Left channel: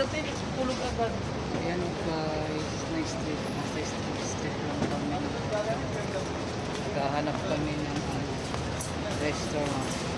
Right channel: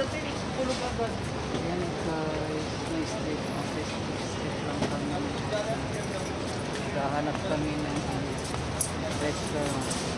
Ayan guys, nice street. Street lang kami. Naghahanap kami ng restaurant.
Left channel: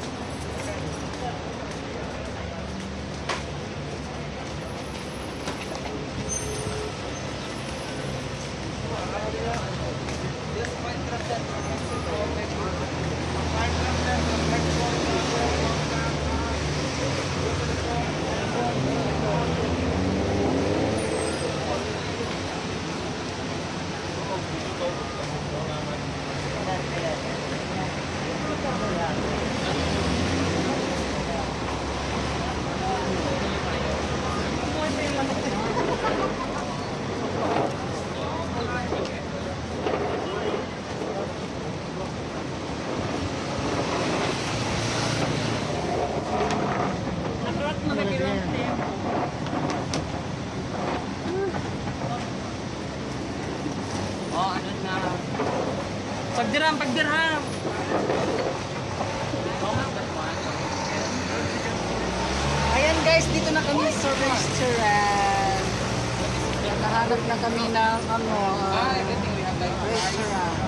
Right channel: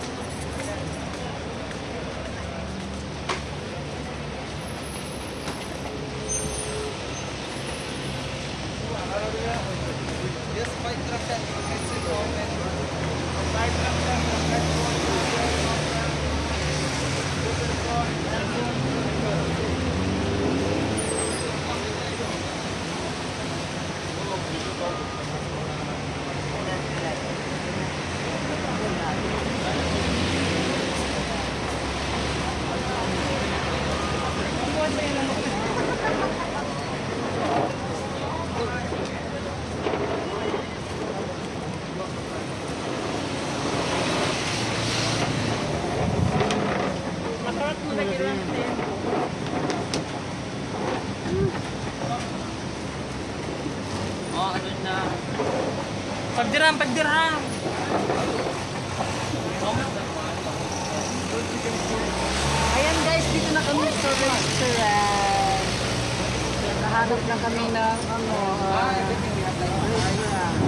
Pagdirham. Ayan guys, dito na kami sa restaurant. Nahanap na kami ng restaurant.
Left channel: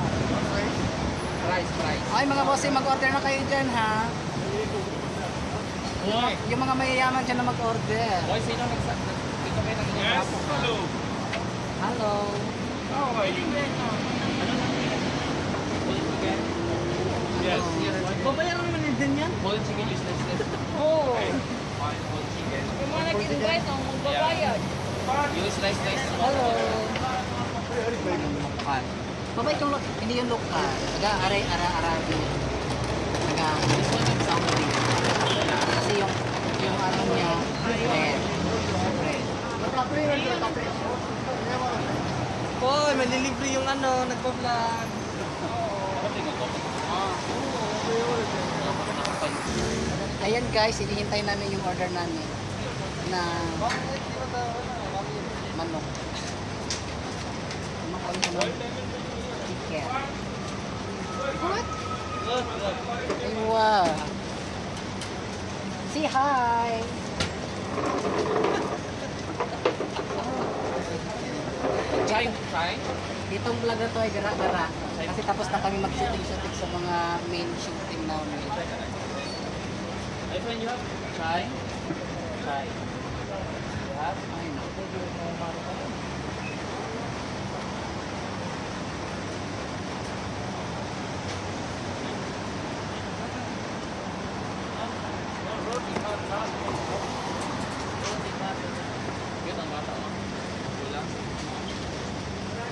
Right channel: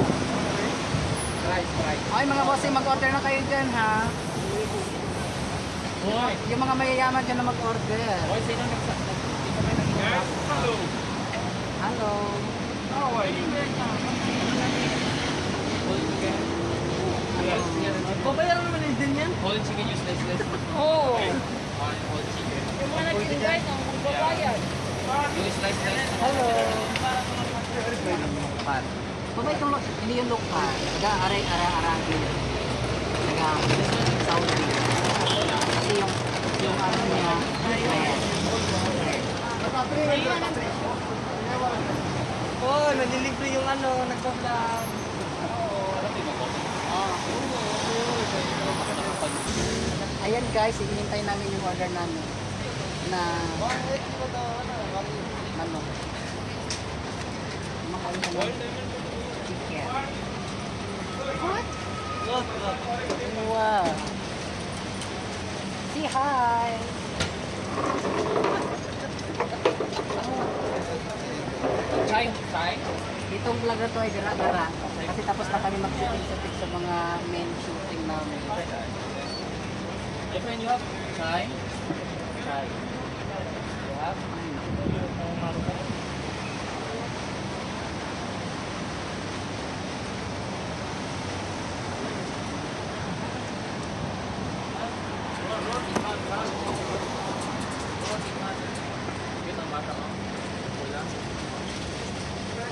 Rice. Ay mga bossing, mag-order na kayo dyan ha. Hoy. Yung mga mayayaman dyan na mag-order. Hoy, sino Hello. How are you? Ano lang yun? Whole chicken? Yes. Babayaran naman din yan. Whole chicken, useless. Oo. Whole chicken. Mga nag-invite ang magbabayad. Yung slice. Hello. Babay kang hindi yung lokal. Nag-aray-arabi. Nag-Saudi. Kasi yung ano niya, red. Oh, may delivery yung nagpa-vlog. Ayan guys, hinihintay namin yung order namin na manok. Chicken. Wow. Say hi. Try? Itong vlog na to ay gara-gara. Kasi tapos na kami mag-shooting sa mga main shooting namin. My friend, you have try? Try. You have? Ay, no. Cute ang bata, oh. Kulang.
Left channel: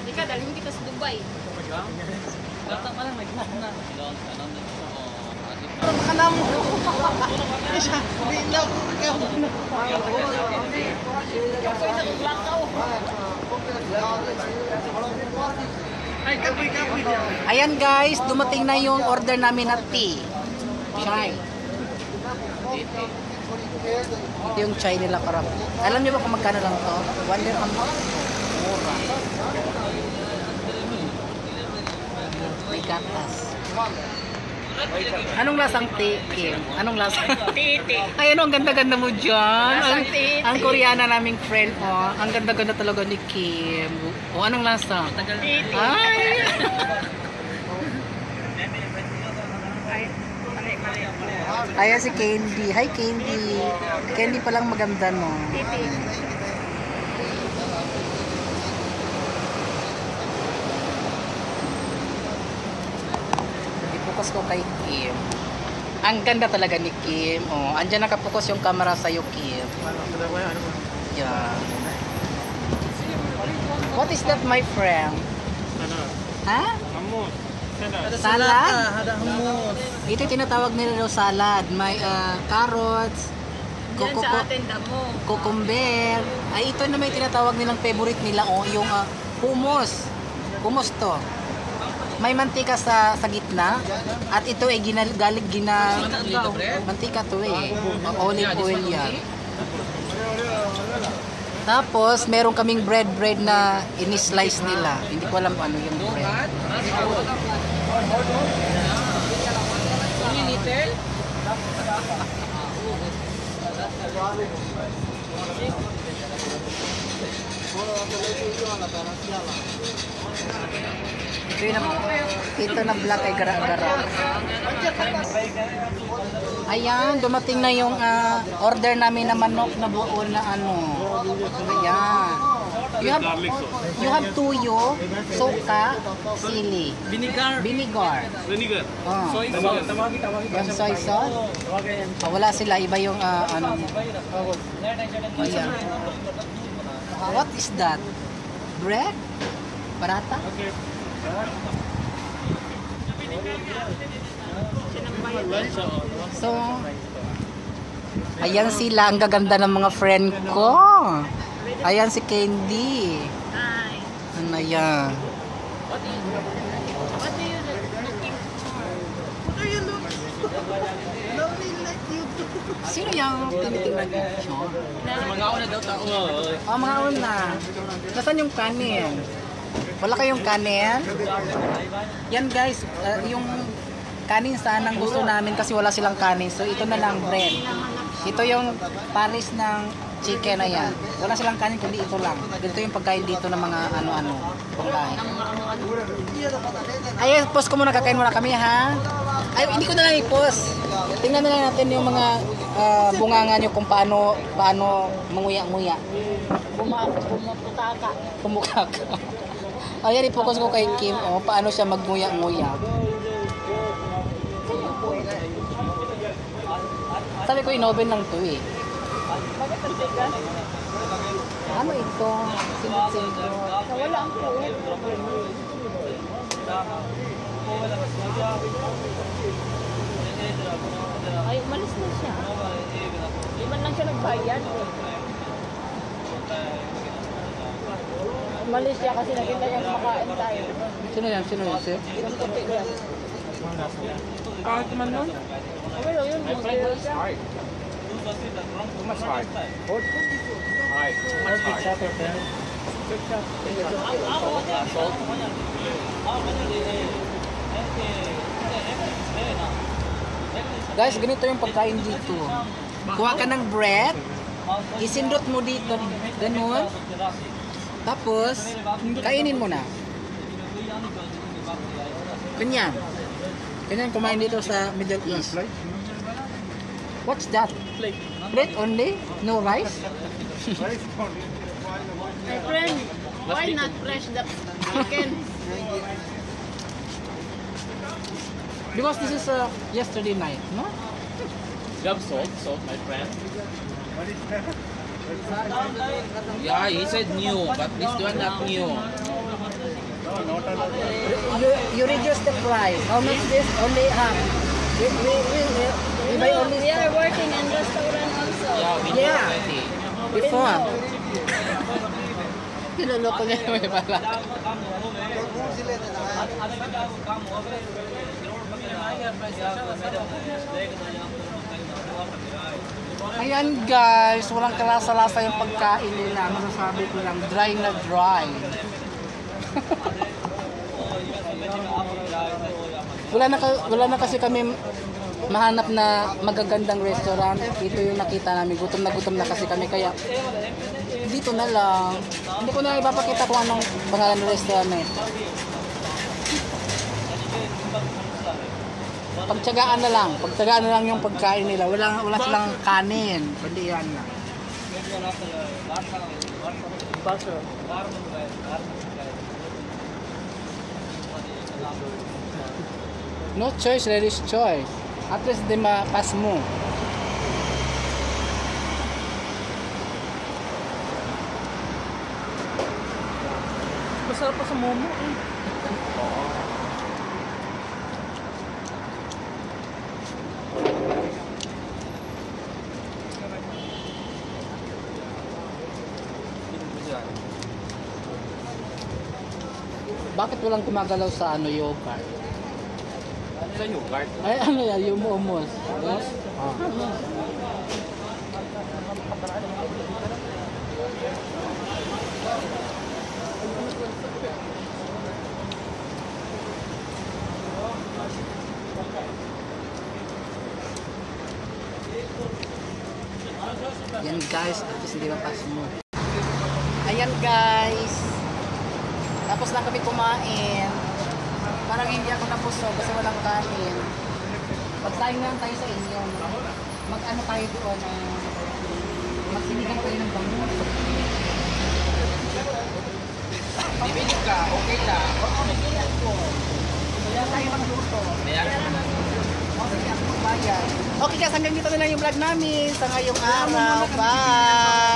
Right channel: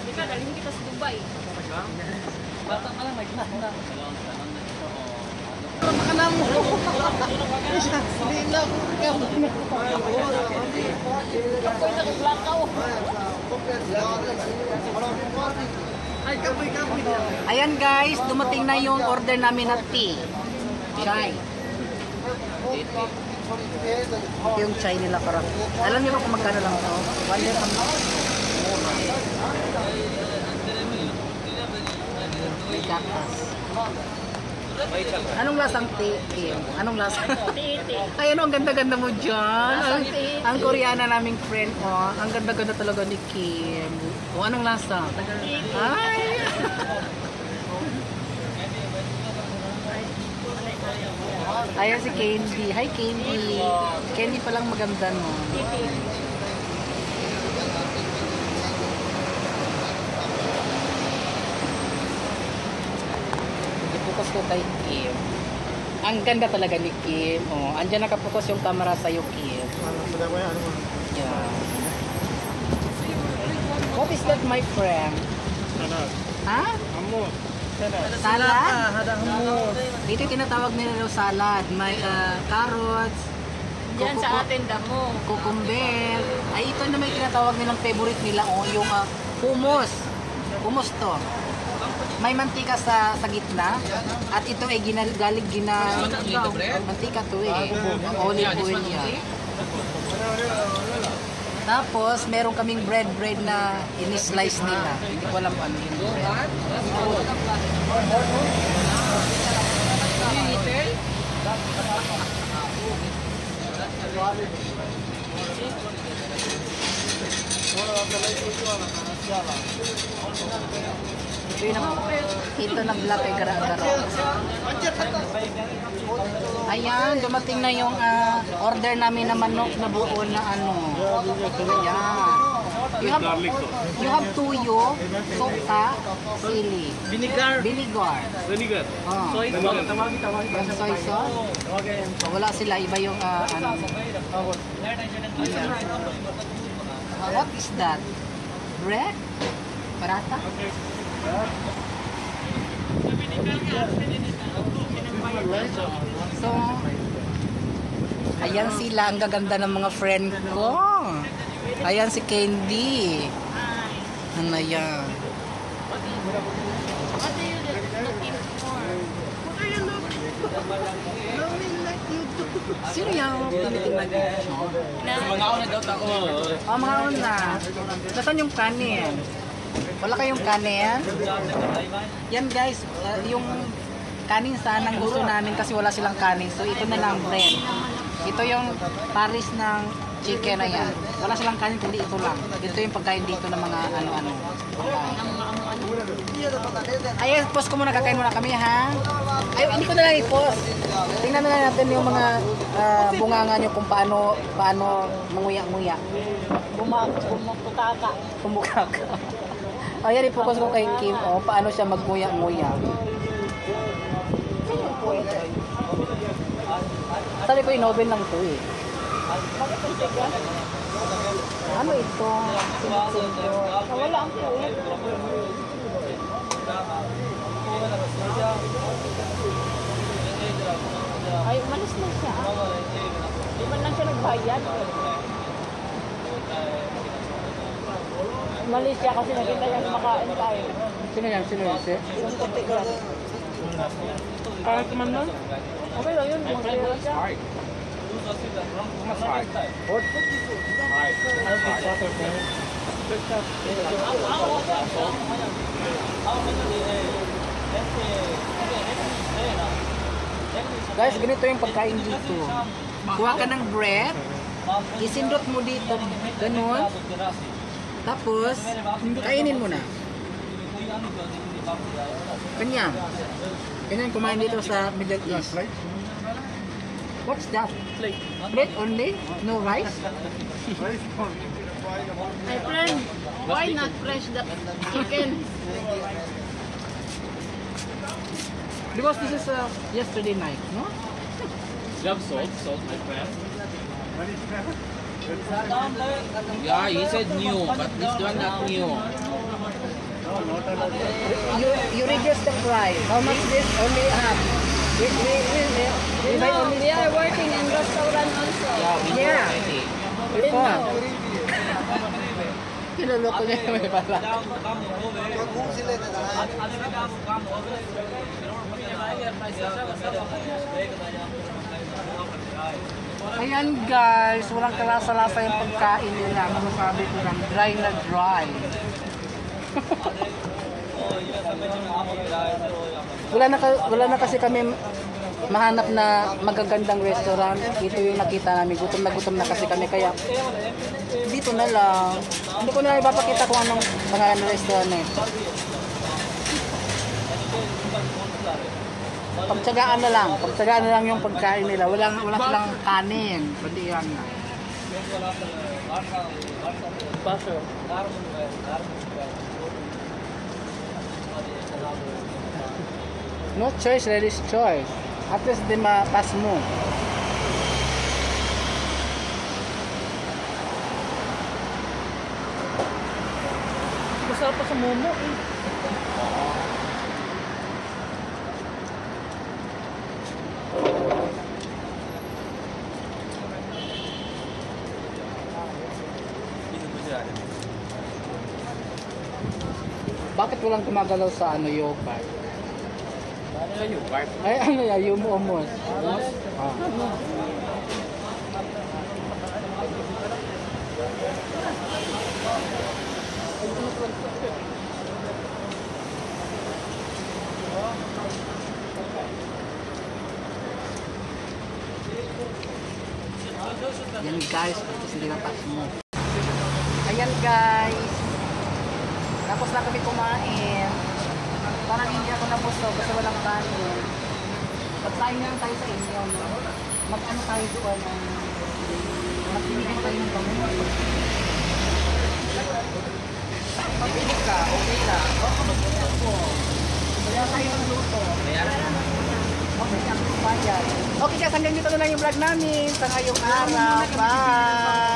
Ika, dalhin kita sa Dubai. Bata ka lang, magkakana. Talon na siya, oh. Pero makanam mo. Isa, di na ako kakaw. Kapoy na maglakaw. Ay, kapoy niya. Ayan guys, dumating na yung order namin na tea. Chai. Ito yung chai nila para. Alam niyo ba kung magkano lang to? 1 dirham lang. Mura. May gatas. Anong lasang tea, Kim? Anong lasang? Titi. Ay, ano, ang ganda-ganda mo dyan. Lasang tea. Ang Koreana naming friend, oh. Ang ganda-ganda talaga ni Kim. O, anong lasa? Titi. Ay! Ayan si Candy. Hi, Candy. Candy palang maganda, no? Ipokus ko kay Kim. Ang ganda talaga ni Kim. Oh, andyan nakapokus yung camera sa'yo, Kim. Yan. What is that, my friend? Ha? Salad? Ito yung tinatawag nila daw salad. May carrots, Yan sa atin damo. cucumber. Ay, ito na may tinatawag nilang favorite nila, oh, yung hummus. Hummus to. May mantika sa gitna. At ito ay mantika to eh. Olive oil yan. Tapos, meron kaming bread na ini-slice nila. Hindi ko alam ano yung bread. Ito na black ay gara-gara. Ayan, dumating na yung order namin na manok na buo na ano. Ayan. You have tuyo, suka, sili. Vinegar. Vinegar. Vinegar. Oh. Soy sauce. Tawagin. Yung soy sauce. Wala sila, iba yung ano. Ayan. What is that? Bread? Parata? So, ayan sila, ang gaganda ng mga friend ko. Ayan si Candy. Ano yan? Sino yung tinitingnan niyo? Mga una daw tako. Oh, mga una. Nasaan yung kanin? Wala kayong kanin? Yan guys, yung kanin sana ang gusto namin kasi wala silang kanin. So ito na lang bread. Ito yung paris ng chicken na yan. Wala silang kanin kundi ito lang. Ito yung pagkain dito ng mga ano-ano. Ay, post ko muna, kakain muna kami ha. Ay, hindi ko na lang i-post. Tingnan na lang natin yung mga bunganga nyo kung paano manguya-nguya. Kumukaka. Ayan, i-focus ko kay Kim. Paano siya magmuya-nguya. Sabi ko, inoven lang to eh. Ano ito? Sinot-sinot. Wala ang puwet. Ay, umalis na siya. Di ba lang siya nagbayad? Umalis siya kasi nakita niya kumakain tayo. Sino yan? Sino yan? Yung puti yan. Kahit man lang. Okay lang yun. Mag-iwa siya. Too much hard. What? Hard. Too much hard. Guys, ganito yung pagkain dito. Kuha ka ng bread, isindot mo dito, ganun. Tapos, kainin mo na. Ganyan. Ganyan kumain dito sa Middle East. What's that? Plate only? No rice? My friend, why not fresh the chicken? Because this is yesterday night, no? You have salt, my friend. Yeah, he said new, but this one not new. You reduce the price. How much this? Only half. We buy only We are working in restaurant also. Yeah, we know Yeah. already. before. Kinuloko niya may pala. Ayan guys, walang kalasa-lasa yung pagkain nila. Ano sabi ko lang, dry na dry. wala na kasi kami mahanap na magagandang restaurant. Dito yung nakita namin. Gutom na kasi kami. Kaya dito na lang. Hindi ko na ipapakita kung anong pangalan ng restaurant eh. Pagtsagaan na lang yung pagkain nila. Wala silang kanin. Kundi yan na. Butter. No choice, ladies choice. At least di mapas mo. Masarap pa sa momo eh. Bakit walang gumagalaw sa yogurt? Sa yogurt? Ay, yung hummus. Hummus? Oh. Yan guys, ito sila pas mo. Ayan Ayan guys. Tapos na kami kumain. Parang hindi ako nabusog kasi walang kanin. Pagsayin na lang tayo sa inyo. No? Mag-ano tayo doon. Magbibigay tayo ng bangus. Bibili ka, okay lang. Oo, mag-iwan ko. Kaya tayo magluto. Okay, ako bayad. Okay guys, hanggang dito na lang yung vlog namin sa ngayong araw. Bye!